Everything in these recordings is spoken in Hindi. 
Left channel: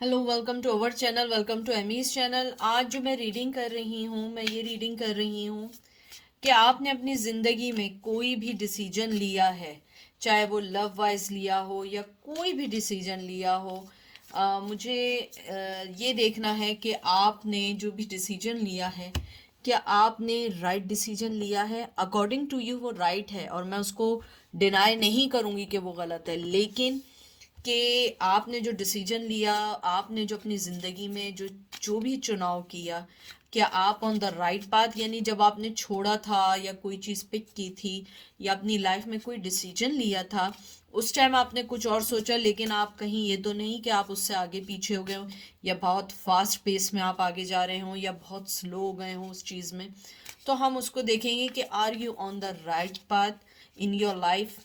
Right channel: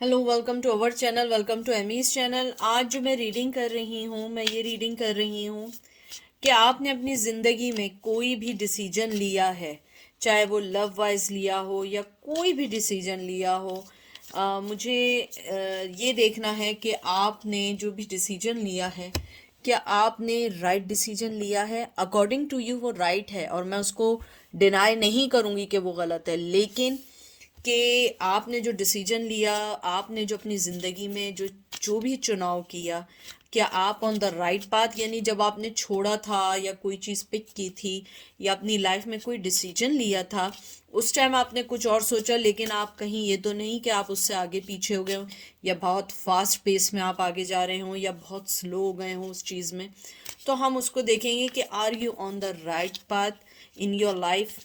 Hello, welcome to our channel, welcome to Amy's channel. आज जो मैं रीडिंग कर रही हूँ, मैं ये रीडिंग कर रही हूँ कि आपने अपनी ज़िंदगी में कोई भी डिसीजन लिया है, चाहे वो लव वाइज लिया हो या कोई भी डिसीजन लिया हो। मुझे ये देखना है कि आपने जो भी डिसीजन लिया है, क्या आपने राइट डिसीजन लिया है। अकॉर्डिंग टू यू वो राइट है और मैं उसको डिनाई नहीं करूँगी कि वो गलत है, लेकिन कि आपने जो डिसीजन लिया, आपने जो अपनी ज़िंदगी में जो जो भी चुनाव किया, क्या आप ऑन द राइट पाथ, यानी जब आपने छोड़ा था या कोई चीज़ पिक की थी या अपनी लाइफ में कोई डिसीजन लिया था, उस टाइम आपने कुछ और सोचा, लेकिन आप कहीं ये तो नहीं कि आप उससे आगे पीछे हो गए हो या बहुत फास्ट पेस में आप आगे जा रहे हो या बहुत स्लो हो गए हो उस चीज़ में। तो हम उसको देखेंगे कि are you on the right path in your life.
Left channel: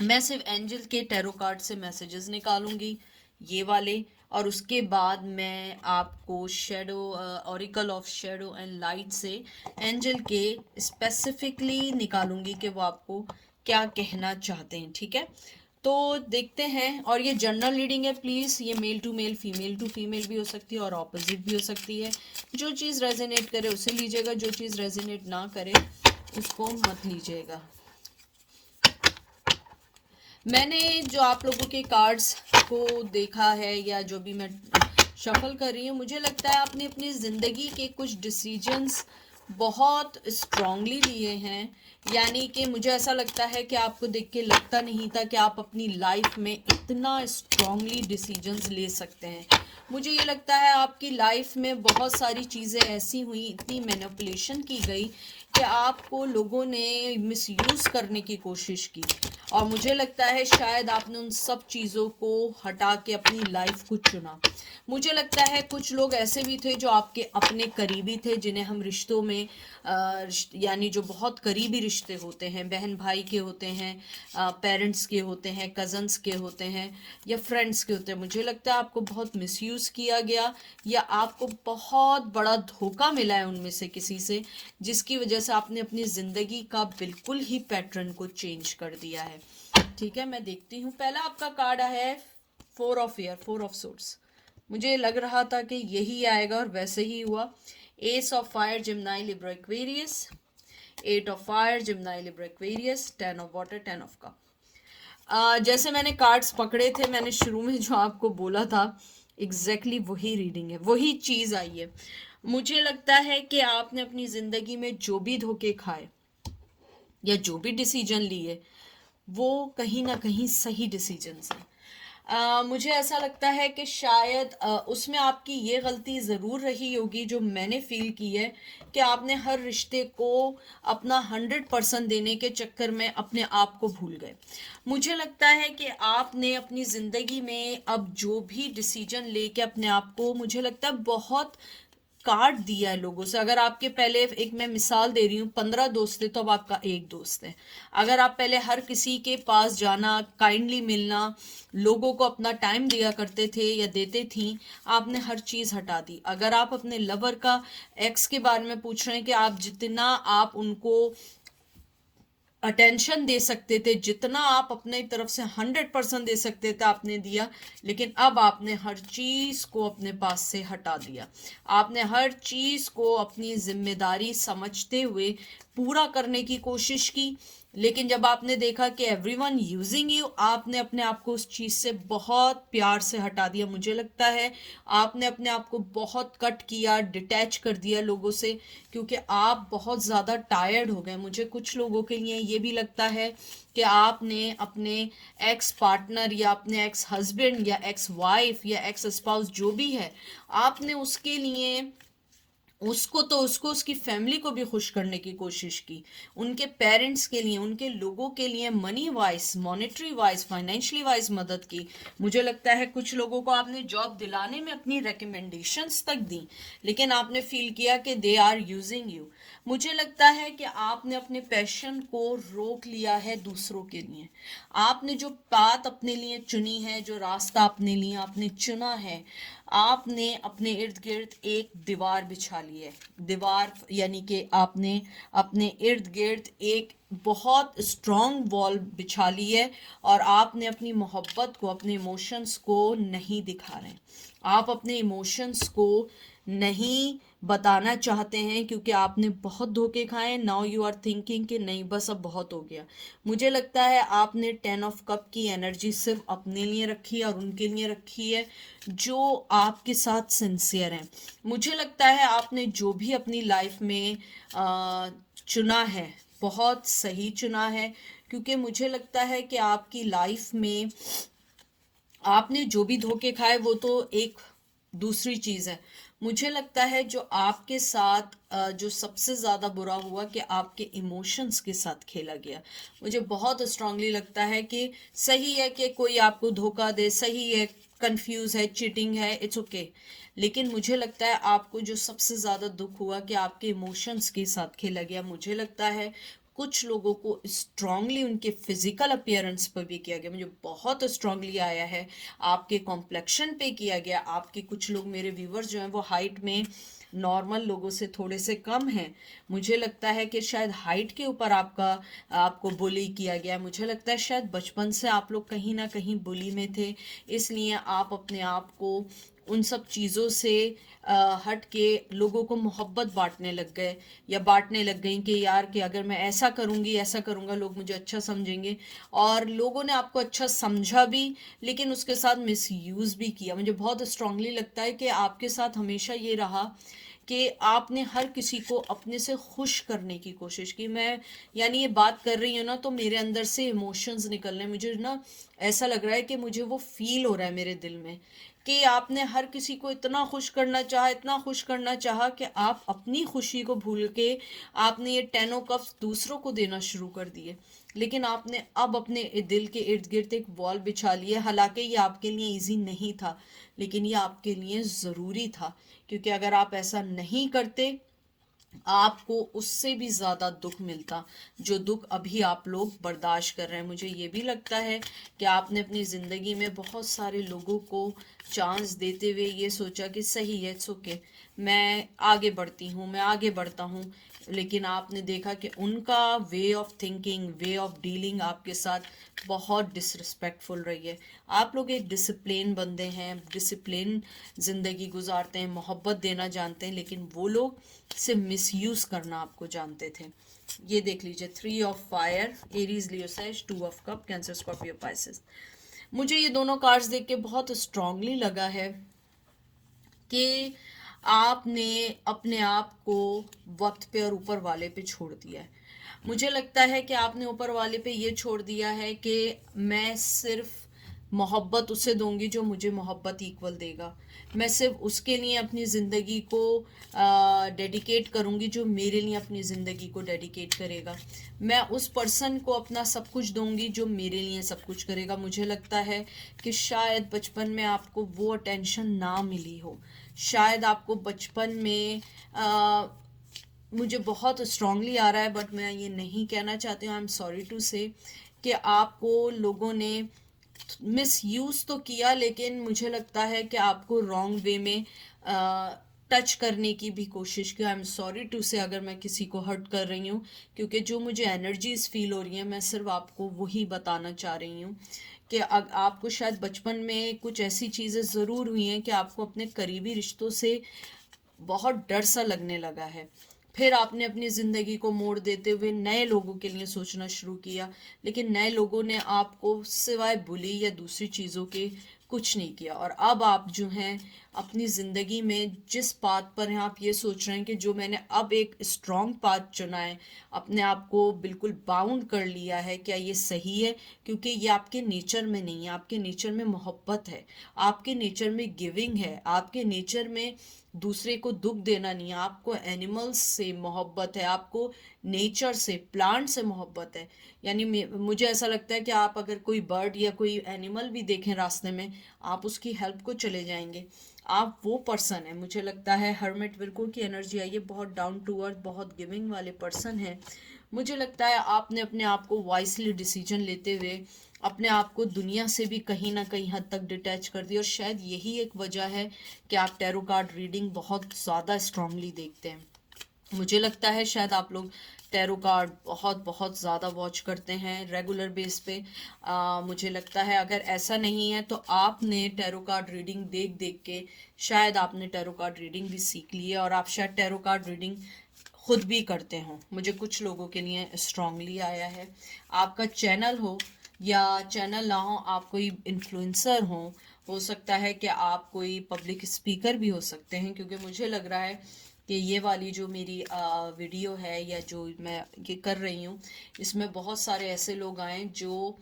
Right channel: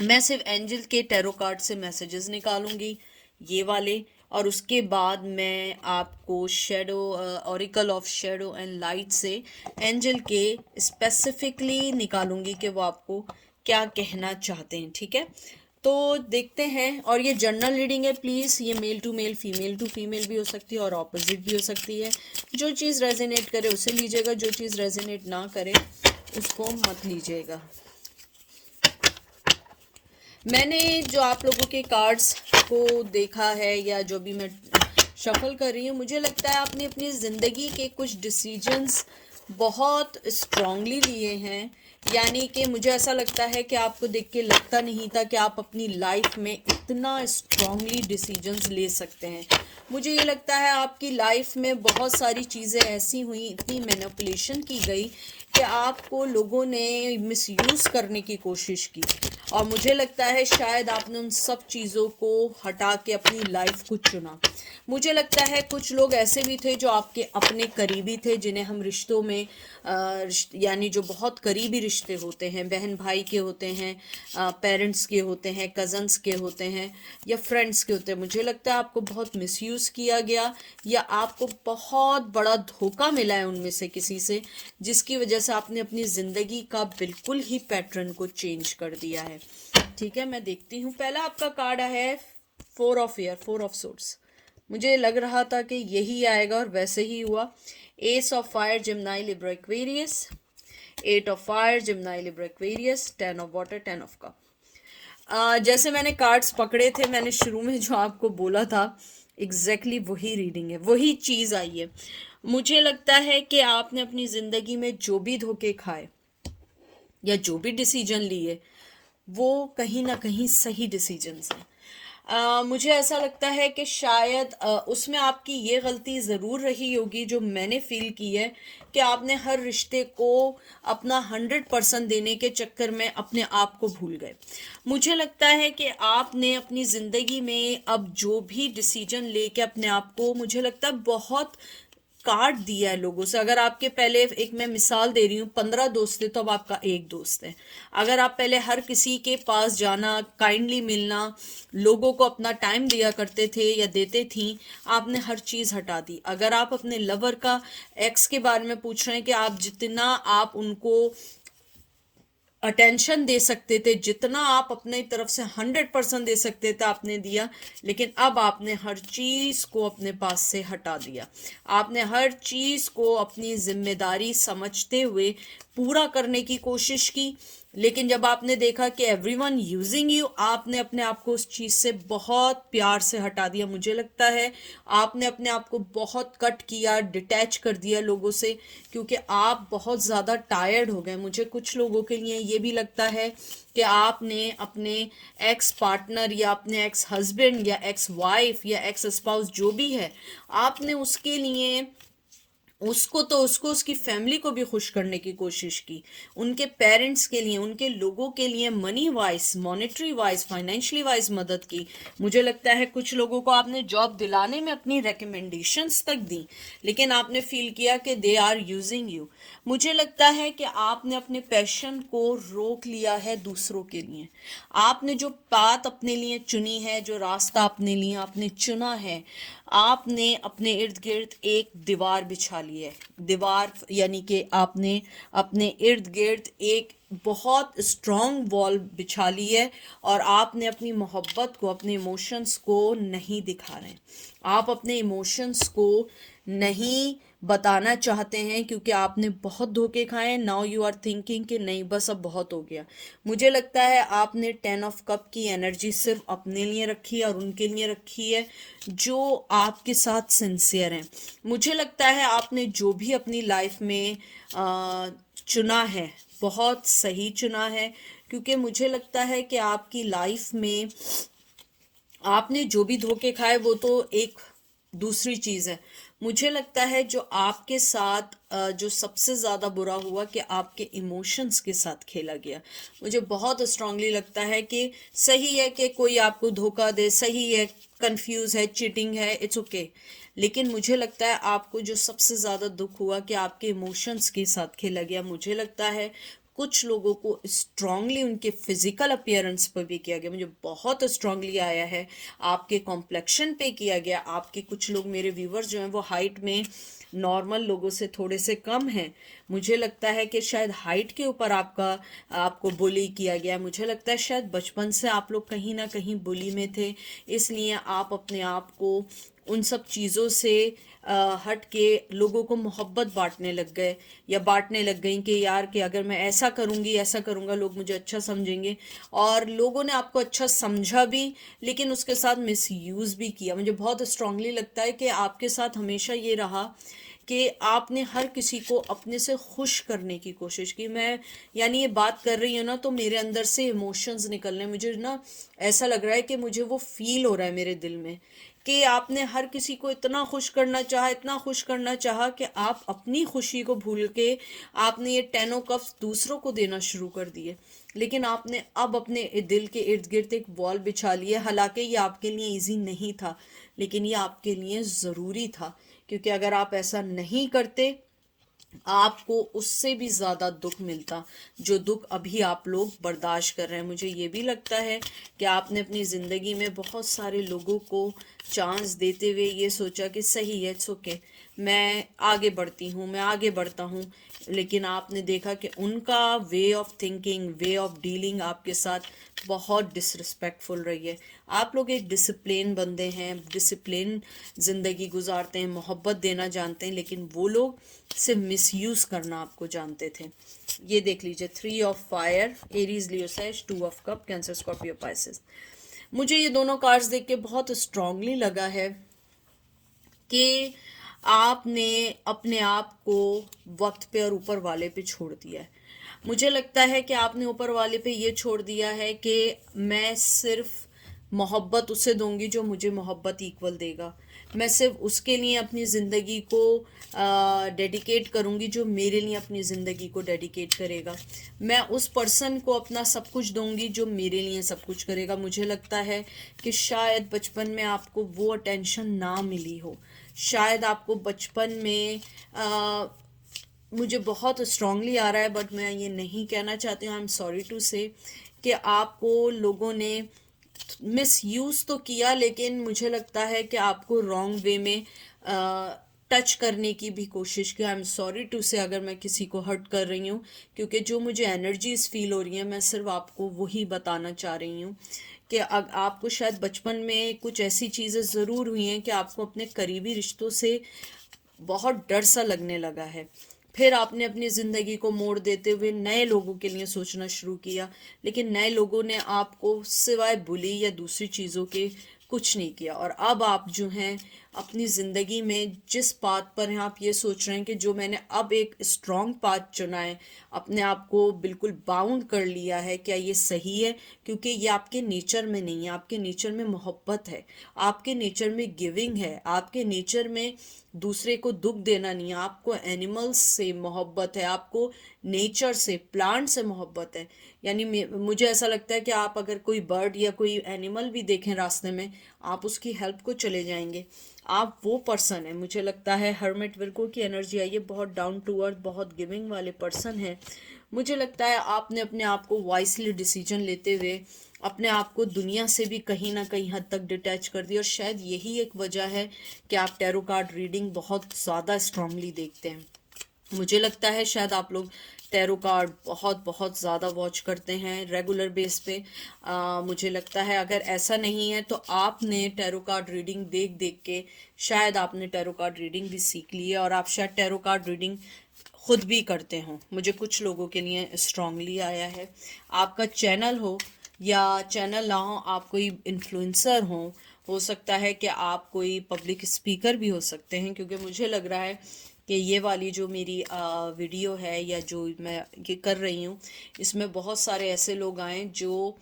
मैं सिर्फ एंजल के टैरो कार्ड से मैसेजेस निकालूंगी, ये वाले, और उसके बाद मैं आपको shadow, oracle of shadow and light से एंजल के स्पेसिफिकली निकालूंगी कि वो आपको क्या कहना चाहते हैं। ठीक है, तो देखते हैं। और ये जनरल रीडिंग है, प्लीज़ ये male to male, female to female भी हो सकती है और ऑपोजिट भी हो सकती है। जो चीज़ रेजोनेट करे उसे लीजिएगा, जो चीज़ रेजोनेट ना करे उसको मत लीजिएगा। मैंने जो आप लोगों के कार्ड्स को देखा है या जो भी मैं शफल कर रही हूँ, मुझे लगता है आपने अपनी ज़िंदगी के कुछ डिसीजंस बहुत स्ट्रांगली लिए हैं। यानी कि मुझे ऐसा लगता है कि आपको देख के लगता नहीं था कि आप अपनी लाइफ में इतना स्ट्रांगली डिसीजंस ले सकते हैं। मुझे ये लगता है आपकी लाइफ में बहुत सारी चीज़ें ऐसी हुई, इतनी मैनिपुलेशन की गई कि आपको लोगों ने मिसयूज़ करने की कोशिश की, और मुझे लगता है शायद आपने उन सब चीज़ों को हटा के अपनी लाइफ को चुना। मुझे लगता है कुछ लोग ऐसे भी थे जो आपके अपने करीबी थे, जिन्हें हम रिश्तों में यानी जो बहुत करीबी रिश्ते होते हैं, बहन भाई के होते हैं, पेरेंट्स के होते हैं, कज़न्स के होते हैं या फ्रेंड्स के होते हैं, मुझे लगता है आपको बहुत मिसयूज़ किया गया या आपको बहुत बड़ा धोखा मिला है उनमें से किसी से, जिसकी वजह से आपने अपनी ज़िंदगी का बिल्कुल ही पैटर्न को चेंज कर दिया है। ठीक है, मैं देखती हूँ। पहला आपका कार्ड है four of year, four of source. मुझे लग रहा था कि यही आएगा और वैसे ही हुआ। Ace of fire, Gemini, Libra, Aquarius. Eight of fire, Gemini, Libra, Aquarius. Ten of water, ten of cup. जैसे मैंने कार्ड्स पकड़े थे, मैंने शुरू में जो आपको बोला था, एग्जैक्टली वही रीडिंग है, वही चीज़ आई है। मुझे लगता है कि आपने अपनी ज़िंदगी में जो भी धोखे खाए या जो भी डिसीजन लिए, वो कहीं ना कहीं सही डिसीजंस हैं। मुझे ऐसा लगता है कि शायद उसमें आपकी ये गलती ज़रूर रही होगी जो मैंने फील की है, कि आपने हर रिश्ते को अपना 100% देने के चक्कर में अपने आप को भूल गए। मुझे लगता है कि आपने अपनी ज़िंदगी में अब जो भी डिसीजन लेके अपने आप को, मुझे लगता है, बहुत काट दिया है लोगों से। अगर आपके पहले, एक मैं मिसाल दे रही हूँ, 15 दोस्त थे तो अब आपका एक दोस्त है। अगर आप पहले हर किसी के पास जाना, काइंडली मिलना, लोगों को अपना टाइम दिया करते थे या देते थी, आपने हर चीज़ हटा दी। अगर आप अपने लवर का, एक्स के बारे में पूछ रहे हैं कि आप जितना आप उनको अटेंशन दे सकते थे, जितना आप अपने तरफ से 100% दे सकते थे, आपने दिया, लेकिन अब आपने हर चीज़ को अपने पास से हटा दिया। आपने हर चीज़ को अपनी जिम्मेदारी समझते हुए पूरा करने की कोशिश की, लेकिन जब आपने देखा कि एवरीवन यूजिंग यू, आपने अपने आप को उस चीज़ से बहुत प्यार से हटा दिया। मुझे लगता है आपने अपने आप को बहुत कट किया, डिटैच कर दिया लोगों से, क्योंकि आप बहुत ज़्यादा टायर्ड हो गए। मुझे कुछ लोगों के लिए ये भी लगता है कि आपने अपने एक्स पार्टनर या अपने एक्स हस्बैंड या एक्स वाइफ या एक्स स्पाउस जो भी है, आपने उसके लिए, उसको उसकी फैमिली को भी खुश करने की कोशिश की, उनके पेरेंट्स के लिए, उनके लोगों के लिए money wise, monetary wise, financially wise मदद की। मुझे लगता है कुछ लोगों को आपने जॉब दिलाने में अपनी रिकमेंडेशंस तक दी, लेकिन आपने फील किया कि दे आर यूजिंग यू। मुझे लगता है कि आपने अपने पैशन को रोक लिया है दूसरों के लिए। आपने जो बात अपने लिए चुनी है, जो रास्ता अपने लिए आपने चुना है, आपने अपने इर्द गिर्द एक दीवार बिछा ली है, दीवार यानी कि आपने अपने इर्द गिर्द एक बहुत स्ट्रॉन्ग वॉल बिछा ली है और आपने अपनी मोहब्बत को, अपने इमोशंस को नहीं दिखा रहे हैं। आप अपने इमोशंस को नहीं बताना चाहते हैं क्योंकि आपने बहुत धोखे खाए। नाउ यू आर थिंकिंग कि नहीं बस अब बहुत हो गया। मुझे लगता है आपने 10 ऑफ कप की एनर्जी सिर्फ अपने लिए रखी है और उनके लिए रखी है जो आपके साथ सिंसियर हैं। मुझे लगता है आपने जो भी अपनी लाइफ में चुना है बहुत सही चुना है, क्योंकि मुझे लगता है कि आपकी लाइफ में आपने जो भी धोखे खाए वो तो एक दूसरी चीज़ है। मुझे लगता है जो आपके साथ जो सबसे ज़्यादा बुरा हुआ कि आपके इमोशंस के साथ खेला गया। मुझे बहुत स्ट्रांगली लगता है कि सही है कि कोई आपको धोखा दे, सही है, कंफ्यूज है, चीटिंग है, इट्स ओके, लेकिन मुझे लगता है आपको जो सबसे ज़्यादा दुख हुआ कि आपके इमोशंस के साथ खेला गया। मुझे लगता है कुछ लोगों को स्ट्रांगली उनके फिजिकल अपीयरेंस पर भी किया गया। मुझे बहुत स्ट्रांगली आया है आपके कॉम्प्लेक्शन पे किया गया। आपके कुछ लोग, मेरे व्यूवर्स जो हैं वो हाइट में नॉर्मल लोगों से थोड़े से कम हैं। मुझे लगता है कि शायद हाइट के ऊपर आपको बुली किया गया। मुझे लगता है शायद बचपन से आप लोग कहीं ना कहीं बुली में थे, इसलिए आप अपने आप को उन सब चीज़ों से हट के लोगों को मोहब्बत बांटने लग गए या बांटने लग गई कि यार कि अगर मैं ऐसा करूँगी, ऐसा करूँगा, लोग मुझे अच्छा समझेंगे। और लोगों ने आपको अच्छा समझा भी, लेकिन उसके साथ मिसयूज़ भी किया। मुझे बहुत स्ट्रांगली लगता है कि आपके साथ हमेशा ये रहा कि आपने हर किसी को अपने से खुश करने की कोशिश की। मैं यानी ये बात कर रही हूँ ना तो मेरे अंदर से इमोशंस निकल रहे हैं। मुझे ना ऐसा लग रहा है कि मुझे वो फील हो रहा है मेरे दिल में कि आपने हर किसी को इतना खुश करना चाहा, इतना खुश करना चाहा कि आप अपनी खुशी को भूल के आपने ये 10 ऑफ कप्स दूसरों को देना शुरू कर दिए। लेकिन आपने अब अपने दिल के इर्द गिर्द एक वॉल बिछा ली है। हालांकि ये आपके लिए इजी नहीं था, लेकिन ये आपके लिए ज़रूरी था, क्योंकि अगर आप ऐसा नहीं करते आपको उससे भी ज़्यादा दुख मिलता जो दुख अभी आप लोग बर्दाश्त कर रहे हैं। मुझे ये भी लगता है कि आपने अपनी ज़िंदगी में बहुत सारे लोगों को चांस देते हुए ये सोचा कि सही है, इट्स ओके, मैं आगे बढ़ती हूँ, मैं आगे बढ़ता हूँ, लेकिन आपने देखा कि उनका way of thinking, way of dealing आपके साथ बहुत डिसरिस्पेक्टफुल रही है। आप लोग एक डिसिप्लिन बंदे हैं, डिसिप्लिन ज़िंदगी गुजारते हैं, मोहब्बत देना जानते हैं, लेकिन वो लोग से मिसयूज़ करना आपको जानते थे। ये देख लीजिए, 3 of fire, Aries, Leo, says, 2 of cup, cancer, Scorpio, Pisces. मुझे ये दोनों कार्ड्स देख के बहुत स्ट्रांगली लगा है कि आपने अपने आप को वक्त पे और ऊपर वाले पे छोड़ दिया है। मुझे लगता है कि आपने ऊपर वाले पे ये छोड़ दिया है कि मैं सिर्फ मोहब्बत उसे दूंगी जो मुझे मोहब्बत इक्वल देगा। मैं सिर्फ उसके लिए अपनी ज़िंदगी को डेडिकेट करूंगी जो मेरे लिए अपनी ज़िंदगी को डेडिकेट करेगा। मैं उस पर्सन को अपना सब कुछ दूंगी जो मेरे लिए सब कुछ करेगा। मुझे लगता है कि शायद बचपन में आपको वो अटेंशन ना मिली हो, शायद आपको बचपन में मुझे बहुत स्ट्रांगली आ रहा है बट मैं ये नहीं कहना चाहती हूँ, आई एम सॉरी टू से, कि आपको लोगों ने मिस यूज़ तो किया, लेकिन मुझे लगता है कि आपको रॉन्ग वे में टच करने की भी कोशिश की। आई एम सॉरी टू से अगर मैं किसी को हर्ट कर रही हूँ, क्योंकि जो मुझे एनर्जीज फील हो रही हैं मैं सिर्फ आपको वही बताना चाह रही हूँ कि आपको शायद बचपन में कुछ ऐसी चीज़ें ज़रूर हुई हैं कि आपको अपने करीबी रिश्तों से बहुत डर सा लगने लगा है। फिर आपने अपनी ज़िंदगी को मोड़ देते हुए नए लोगों के लिए सोचना शुरू किया, लेकिन नए लोगों ने आपको सिवाय बुली या दूसरी चीज़ों के कुछ नहीं किया। और अब आप जो हैं अपनी ज़िंदगी में जिस पाथ पर हैं, आप ये सोच रहे हैं कि जो मैंने अब एक स्ट्रॉन्ग पाथ चुना है, अपने आप को बिल्कुल बाउंड कर लिया है, क्या ये सही है? क्योंकि ये आपके नेचर में नहीं है। आपके नेचर में मोहब्बत है, आपके नेचर में गिविंग है, आपके नेचर में दूसरे को दुख देना नहीं है। आपको एनिमल्स से मोहब्बत है, आपको नेचर से, प्लांट से मोहब्बत है। यानी मुझे ऐसा लगता है कि आप अगर कोई बर्ड या कोई एनिमल भी देखें रास्ते में, आप उसकी हेल्प को चले जाएंगे। आप वो पर्सन है। मुझे लगता है हर्मिट विर्को की एनर्जी आई है, बहुत डाउन टू अर्थ, बहुत गिविंग वाले पर्सन है। मुझे लगता है आपने अपने आप को वाइसली डिसीजन लेते हुए अपने आप को दुनिया से भी कहीं ना कहीं हद तक डिटैच कर दिया, और शायद यही एक वजह है कि आप टैरो कार्ड रीडिंग बहुत ज़्यादा स्ट्रांगली देखते हैं। मुझे लगता है शायद आप लोग टैरो कार्ड बहुत बहुत ज़्यादा वॉच करते हैं रेगुलर बेस पे। मुझे लगता है अगर ऐसा नहीं है तो आपने टैरो कार्ड रीडिंग देख देख के शायद आपने टैरो कार्ड रीडिंग भी सीख ली है, और आप शायद टैरो कार्ड रीडिंग खुद भी करते हो। मुझे कुछ लोगों के लिए स्ट्रांगली आया है। आपका चैनल हो या चैनल ना हो, आप कोई इन्फ्लुएंसर हो सकता है कि आप कोई पब्लिक स्पीकर भी हो सकते हैं, क्योंकि मुझे लग रहा है कि ये वाली जो मेरी वीडियो है या जो मैं ये कर रही हूँ, इसमें बहुत सारे ऐसे लोग आए जो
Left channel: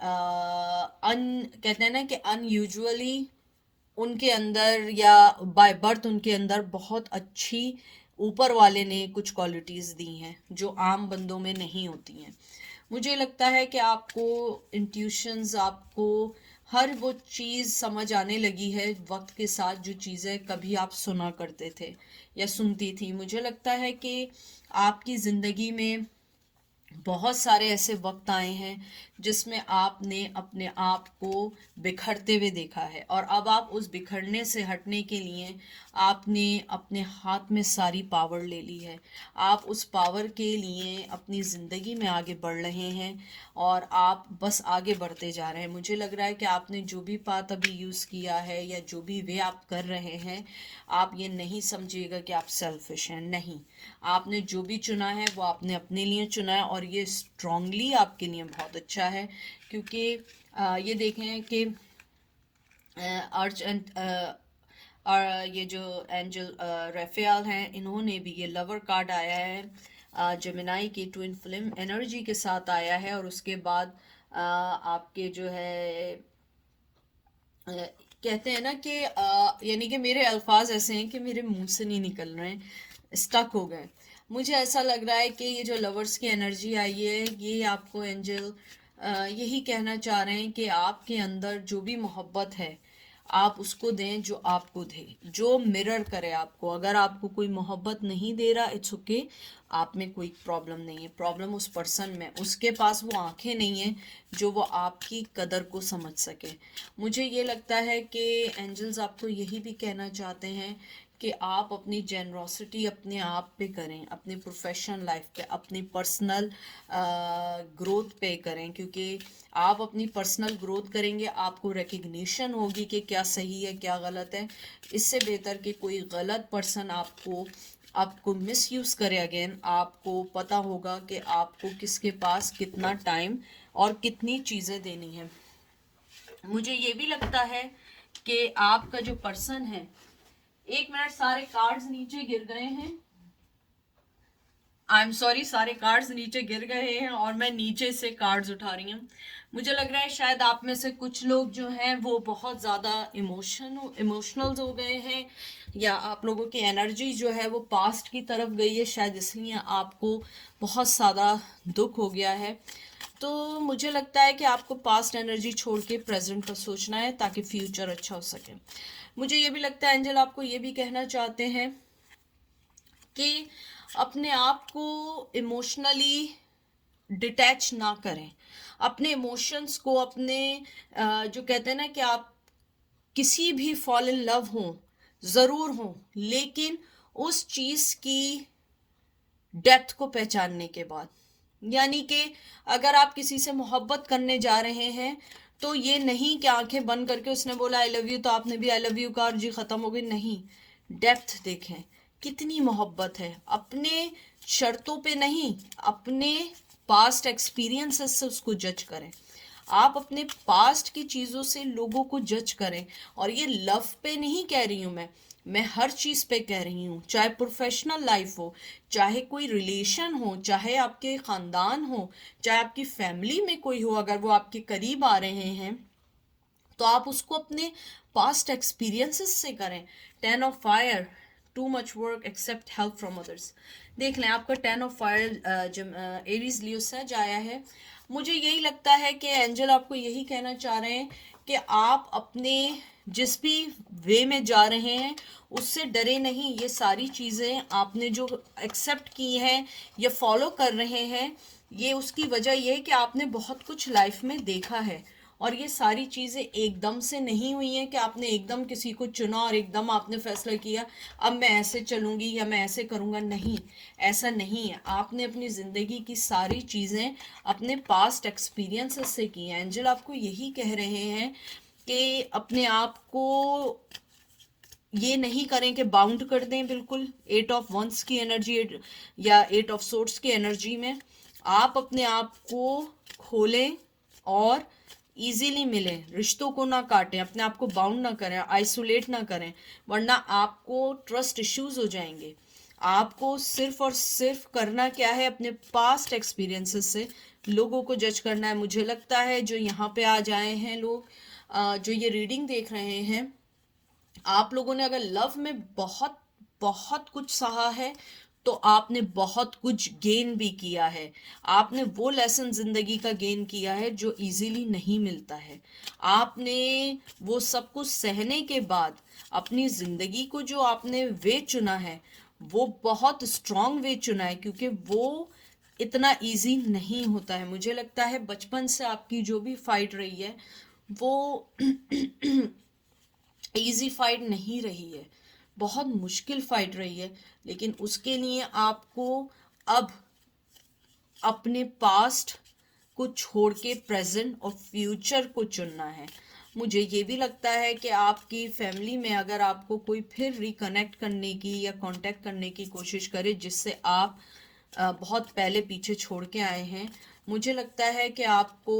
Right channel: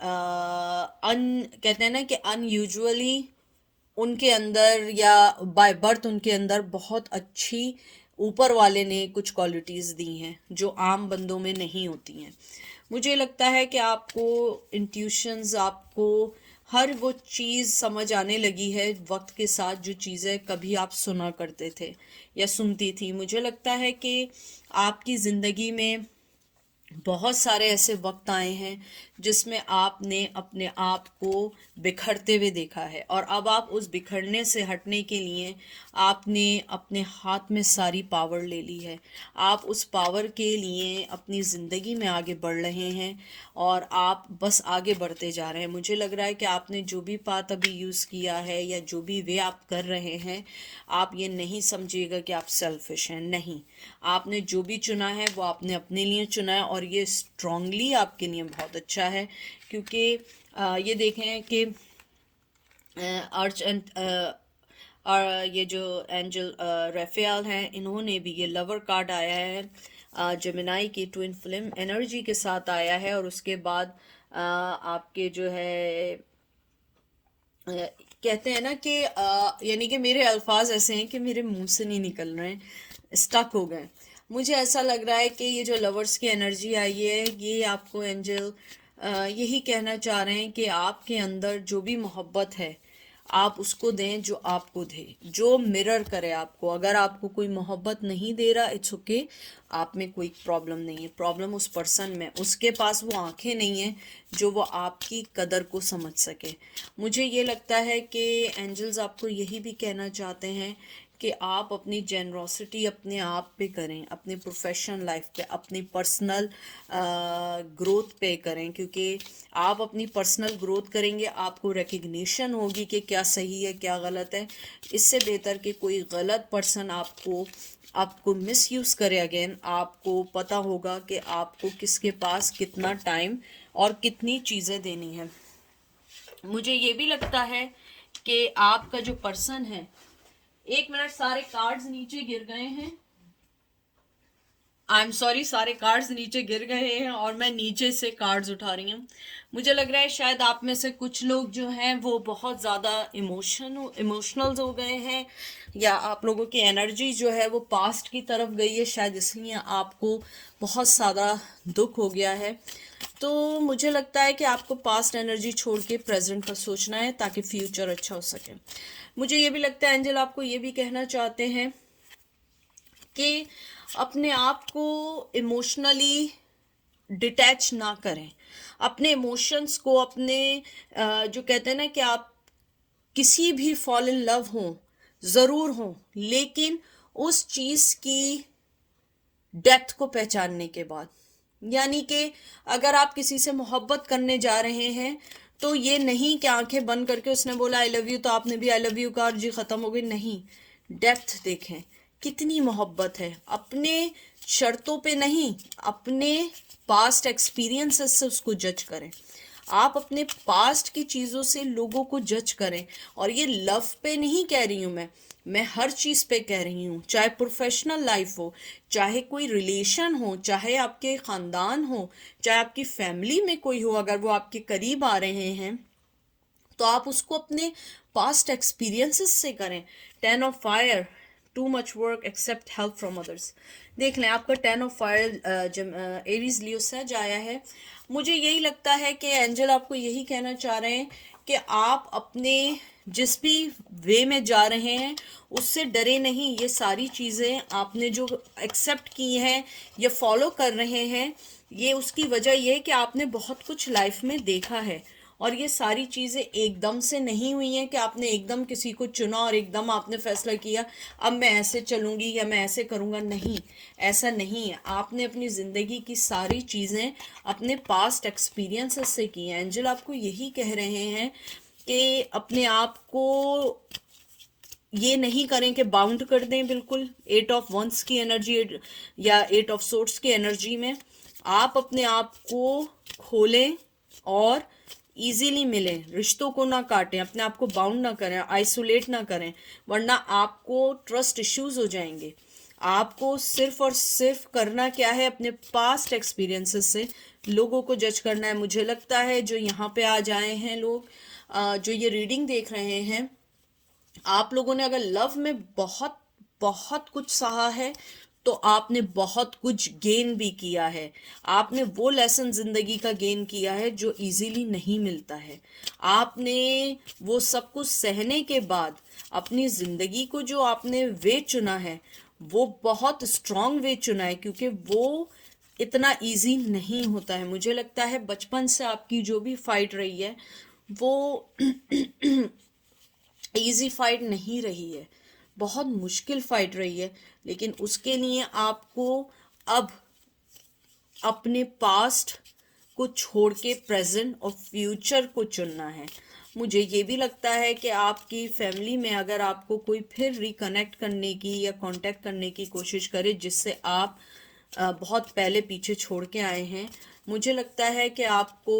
कहते हैं ना कि अनयूजुअली उनके अंदर या बाय बर्थ उनके अंदर बहुत अच्छी ऊपर वाले ने कुछ क्वालिटीज़ दी हैं जो आम बंदों में नहीं होती हैं। मुझे लगता है कि आपको इंट्यूशंस, आपको हर वो चीज़ समझ आने लगी है वक्त के साथ, जो चीज़ें कभी आप सुना करते थे या सुनती थी। मुझे लगता है कि आपकी ज़िंदगी में बहुत सारे ऐसे वक्त आए हैं जिसमें आपने अपने आप को बिखरते हुए देखा है, और अब आप उस बिखरने से हटने के लिए आपने अपने हाथ में सारी पावर ले ली है। आप उस पावर के लिए अपनी ज़िंदगी में आगे बढ़ रहे हैं और आप बस आगे बढ़ते जा रहे हैं। मुझे लग रहा है कि आपने जो भी पाथ अभी यूज़ किया है या जो भी वे आप कर रहे हैं, आप ये नहीं समझिएगा कि आप सेल्फिश हैं। नहीं, आपने जो भी चुना है वो आपने अपने लिए चुना है, और ये स्ट्रांगली आपके लिए बहुत अच्छा है। क्योंकि ये देखें कि अर्च एंड और ये जो एंजल रेफेल हैं, इन्होंने भी ये लवर कार्ड आया है जेमिनाई की ट्विन फ्लेम एनर्जी के साथ आया है, और उसके बाद आपके जो है कहते हैं ना कि यानी कि मेरे अल्फाज ऐसे हैं कि मेरे मुंह से नहीं निकल रहे हैं, स्टक हो गए। मुझे ऐसा लग रहा है कि ये जो लवर्स की एनर्जी आई है, ये आपको एंजल यही कहना चाह रहे हैं कि आपके अंदर जो भी मोहब्बत है आप उसको दें जो आपको दे, जो मिरर करे आपको। अगर आपको कोई मोहब्बत नहीं दे रहा, इट्स ओके, आप में कोई प्रॉब्लम नहीं है। प्रॉब्लम उस पर्सन में, उसके पास वो आंखें नहीं हैं जो वो आपकी कदर को समझ सके। मुझे ये लगता है कि एंजल्स आपको यही भी कहना चाहते हैं कि आप अपनी जेनरोसिटी अपने आप पे करें, अपनी प्रोफेशनल लाइफ पे, अपनी पर्सनल ग्रोथ पे करें, क्योंकि आप अपनी पर्सनल ग्रोथ करेंगे, आपको रिकग्निशन होगी कि क्या सही है क्या गलत है। इससे बेहतर कि कोई गलत पर्सन आपको मिसयूज़ करे अगेन, आपको पता होगा कि आपको किसके पास कितना टाइम और कितनी चीज़ें देनी है। मुझे ये भी लगता है कि आपका जो पर्सन है, एक मिनट, सारे कार्ड्स नीचे गिर गए हैं, आई एम सॉरी, सारे कार्ड्स नीचे गिर गए हैं और मैं नीचे से कार्ड्स उठा रही हूँ। मुझे लग रहा है शायद आप में से कुछ लोग जो हैं वो बहुत ज़्यादा इमोशनल हो गए हैं, या आप लोगों की एनर्जी जो है वो पास्ट की तरफ गई है, शायद इसलिए आपको बहुत ज़्यादा दुख हो गया है। तो मुझे लगता है कि आपको पास्ट एनर्जी छोड़ के प्रेजेंट का सोचना है ताकि फ्यूचर अच्छा हो सके। मुझे ये भी लगता है एंजल आपको ये भी कहना चाहते हैं कि अपने आप को इमोशनली डिटैच ना करें, अपने इमोशंस को, अपने जो कहते हैं ना कि आप किसी भी फॉल इन लव हो, ज़रूर हो, लेकिन उस चीज़ की डेप्थ को पहचानने के बाद, यानी कि अगर आप किसी से मोहब्बत करने जा रहे हैं तो ये नहीं कि आंखें बंद करके उसने बोला आई लव यू तो आपने भी आई लव यू कहा और जी ख़त्म हो गई। नहीं, डेप्थ देखें, कितनी मोहब्बत है, अपने शर्तों पे नहीं, अपने पास्ट एक्सपीरियंसेस से उसको जज करें। आप अपने पास्ट की चीज़ों से लोगों को जज करें, और ये लव पे नहीं कह रही हूँ मैं हर चीज़ पे कह रही हूँ, चाहे प्रोफेशनल लाइफ हो, चाहे कोई रिलेशन हो, चाहे आपके ख़ानदान हो, चाहे आपकी फैमिली में कोई हो, अगर वो आपके करीब आ रहे हैं तो आप उसको अपने पास्ट एक्सपीरियंसेस से करें। 10 of fire, too much work except help from others. देख लें, आपका 10 ऑफ फायर जब एरीज लियो सज आया है। मुझे यही लगता है कि एंजल आपको यही कहना चाह रहे हैं कि आप अपने जिस भी वे में जा रहे हैं उससे डरे नहीं। ये सारी चीज़ें आपने जो एक्सेप्ट की हैं या फॉलो कर रहे हैं, ये उसकी वजह ये है कि आपने बहुत कुछ लाइफ में देखा है। और ये सारी चीज़ें एकदम से नहीं हुई हैं कि आपने एकदम किसी को चुना और एकदम आपने फैसला किया अब मैं ऐसे चलूँगी या मैं ऐसे करूँगा। नहीं, ऐसा नहीं है। आपने अपनी ज़िंदगी की सारी चीज़ें अपने पास्ट एक्सपीरियंसेस से की हैं। एंजल आपको यही कह रहे हैं कि अपने आप को ये नहीं करें कि बाउंड कर दें बिल्कुल 8 ऑफ वंस की एनर्जी या 8 ऑफ सोर्ट्स की एनर्जी में। आप अपने आप को खोलें और इजीली मिलें, रिश्तों को ना काटें, अपने आप को बाउंड ना करें, आइसोलेट ना करें, वरना आपको ट्रस्ट इश्यूज हो जाएंगे। आपको सिर्फ और सिर्फ करना क्या है, अपने पास्ट एक्सपीरियंसेस से लोगों को जज करना है। मुझे लगता है जो यहाँ पे आज आए हैं लोग, जो ये रीडिंग देख रहे हैं, आप लोगों ने अगर लव में बहुत बहुत कुछ सहा है तो आपने बहुत कुछ गेन भी किया है। आपने वो लेसन जिंदगी का गेन किया है जो इजीली नहीं मिलता है। आपने वो सब कुछ सहने के बाद अपनी जिंदगी को जो आपने वे चुना है वो बहुत स्ट्रांग वे चुना है, क्योंकि वो इतना इजी नहीं होता है। मुझे लगता है बचपन से आपकी जो भी फाइट रही है वो इजी फाइट नहीं रही है, बहुत मुश्किल फाइट रही है। लेकिन उसके लिए आपको अब अपने पास्ट को छोड़ के प्रेजेंट और फ्यूचर को चुनना है। मुझे ये भी लगता है कि आपकी फैमिली में अगर आपको कोई फिर रिकनेक्ट करने की या कांटेक्ट करने की कोशिश करे जिससे आप बहुत पहले पीछे छोड़ के आए हैं, मुझे लगता है कि आपको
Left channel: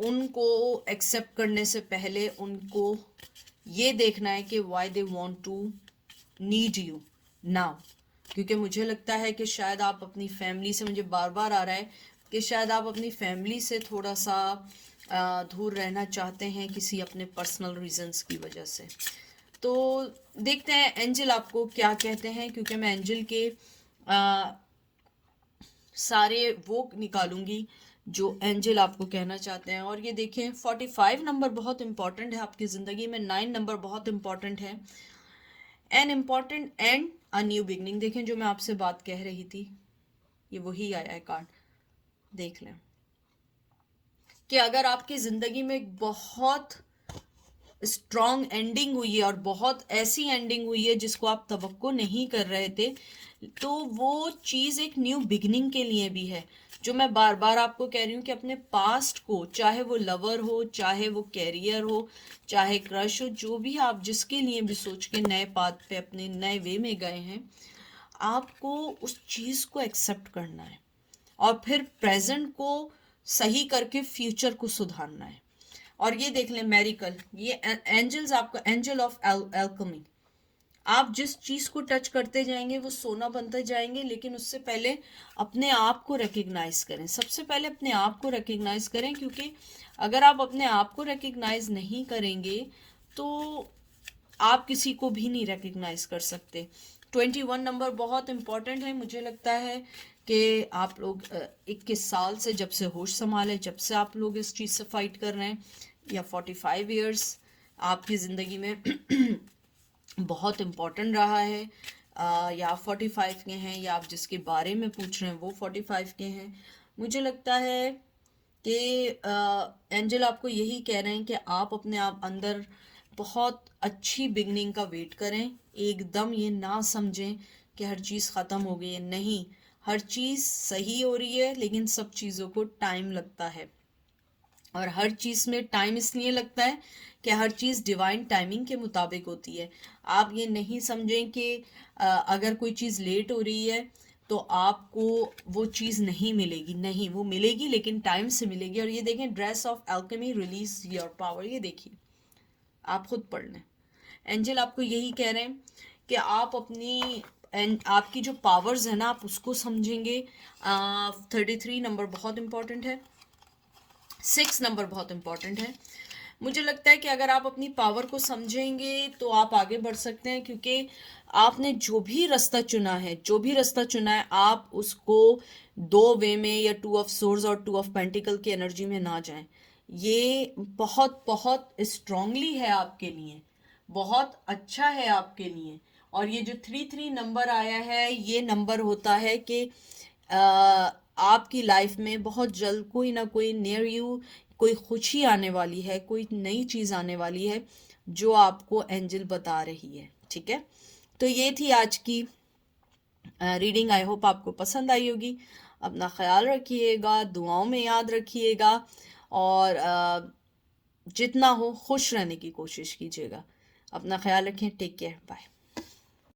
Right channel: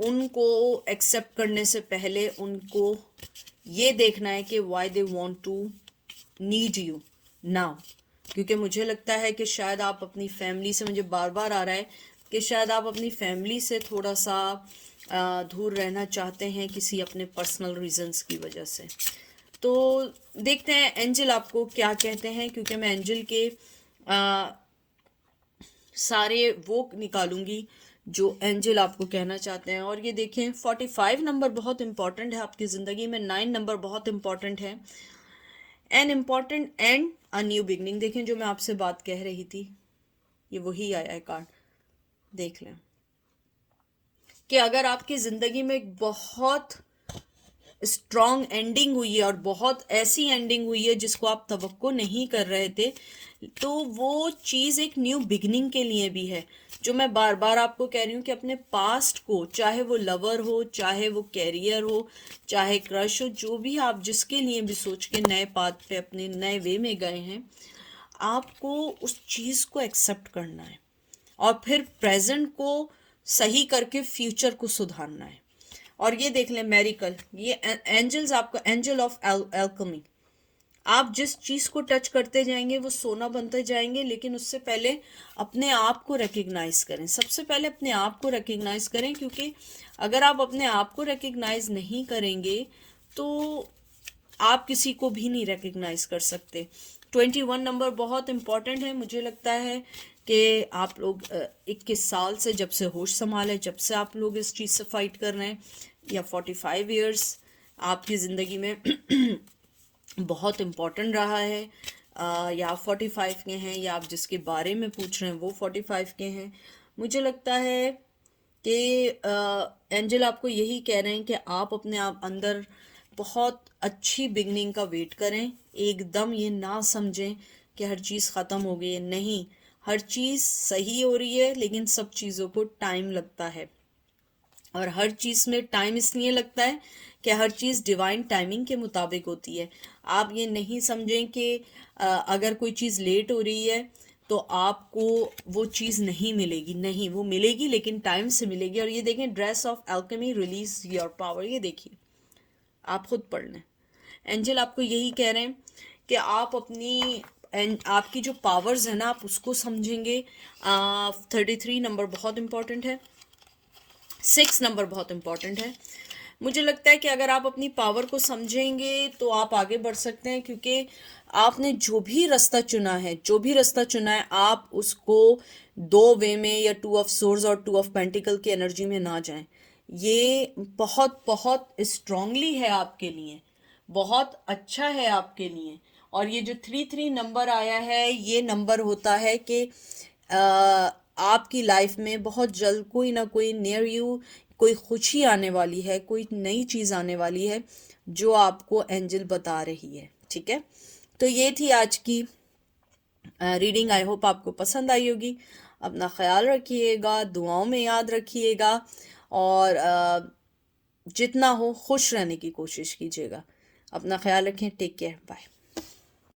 उनको एक्सेप्ट करने से पहले उनको ये देखना है कि why they want to need you now. क्योंकि मुझे लगता है कि शायद आप अपनी फैमिली से, मुझे बार बार आ रहा है कि शायद आप अपनी फैमिली से थोड़ा सा दूर रहना चाहते हैं किसी अपने पर्सनल रीजंस की वजह से। तो देखते हैं एंजल आपको क्या कहते हैं, क्योंकि मैं एंजल के सारे वो निकालूंगी जो एंजल आपको कहना चाहते हैं। और ये देखें 45 नंबर बहुत इंपॉर्टेंट है आपकी ज़िंदगी में, 9 नंबर बहुत इंपॉर्टेंट है। An important and a new beginning. देखें जो मैं आपसे बात कह रही थी ये वही आया है कार्ड, देख लें कि अगर आपकी ज़िंदगी में एक बहुत स्ट्रॉन्ग एंडिंग हुई है और बहुत ऐसी एंडिंग हुई है जिसको आप तवक्को नहीं कर रहे थे, तो वो चीज़ एक न्यू बिगनिंग के लिए भी है। जो मैं बार बार आपको कह रही हूँ कि अपने पास्ट को, चाहे वो लवर हो, चाहे वो कैरियर हो, चाहे क्रश हो, जो भी आप जिसके लिए भी सोच के नए पाथ पे अपने नए वे में गए हैं, आपको उस चीज़ को एक्सेप्ट करना है और फिर प्रेजेंट को सही करके फ्यूचर को सुधारना है। और ये देख लें मेरिकल, ये एंजल्स आपको, एंजल ऑफ एल्केमी, आप जिस चीज़ को टच करते जाएंगे वो सोना बनते जाएंगे। लेकिन उससे पहले अपने आप को रिकग्नाइज करें, सबसे पहले अपने आप को रिकग्नाइज करें, क्योंकि अगर आप अपने आप को रिकग्नाइज नहीं करेंगे तो आप किसी को भी नहीं रिकग्नाइज कर सकते। 21 नंबर बहुत इंपॉर्टेंट है। मुझे लगता है कि आप लोग 21 साल से, जब से होश संभाले, जब से आप लोग इस चीज़ से फाइट कर रहे हैं, या 45 ईयर्स आपकी ज़िंदगी में बहुत इम्पोर्टेंट रहा है। या आप 45 के हैं या आप जिसके बारे में पूछ रहे हैं वो 45 के हैं। मुझे लगता है कि एंजल आपको यही कह रहे हैं कि आप अपने आप अंदर बहुत अच्छी बिगनिंग का वेट करें। एकदम ये ना समझें कि हर चीज़ ख़त्म हो गई है, नहीं, हर चीज़ सही हो रही है, लेकिन सब चीज़ों को टाइम लगता है। और हर चीज़ में टाइम इसलिए लगता है कि हर चीज़ डिवाइन टाइमिंग के मुताबिक होती है। आप ये नहीं समझें कि अगर कोई चीज़ लेट हो रही है तो आपको वो चीज़ नहीं मिलेगी, नहीं, वो मिलेगी लेकिन टाइम से मिलेगी। और ये देखें, dress of alchemy, release your power, ये देखिए, आप खुद पढ़ लें। एंजल आपको यही कह रहे हैं कि आप अपनी आपकी जो पावर्स है ना, आप उसको समझेंगे। 33 नंबर बहुत इंपॉर्टेंट है, 6 नंबर बहुत इंपॉर्टेंट है। मुझे लगता है कि अगर आप अपनी पावर को समझेंगे तो आप आगे बढ़ सकते हैं, क्योंकि आपने जो भी रास्ता चुना है, जो भी रास्ता चुना है, आप उसको 2 वे में या 2 ऑफ सोर्ड्स और 2 ऑफ पेंटिकल की एनर्जी में ना जाएं। ये बहुत बहुत स्ट्रांगली है आपके लिए, बहुत अच्छा है आपके लिए। और ये जो 3 नंबर आया है, ये नंबर होता है कि आपकी लाइफ में बहुत जल्द कोई ना कोई नियर यू कोई खुशी आने वाली है, कोई नई चीज़ आने वाली है जो आपको एंजल बता रही है। ठीक है, तो ये थी आज की रीडिंग। आई होप आपको पसंद आई होगी। अपना ख्याल रखिएगा, दुआओं में याद रखिएगा, और जितना हो खुश रहने की कोशिश कीजिएगा। अपना ख्याल रखें। Take care, bye.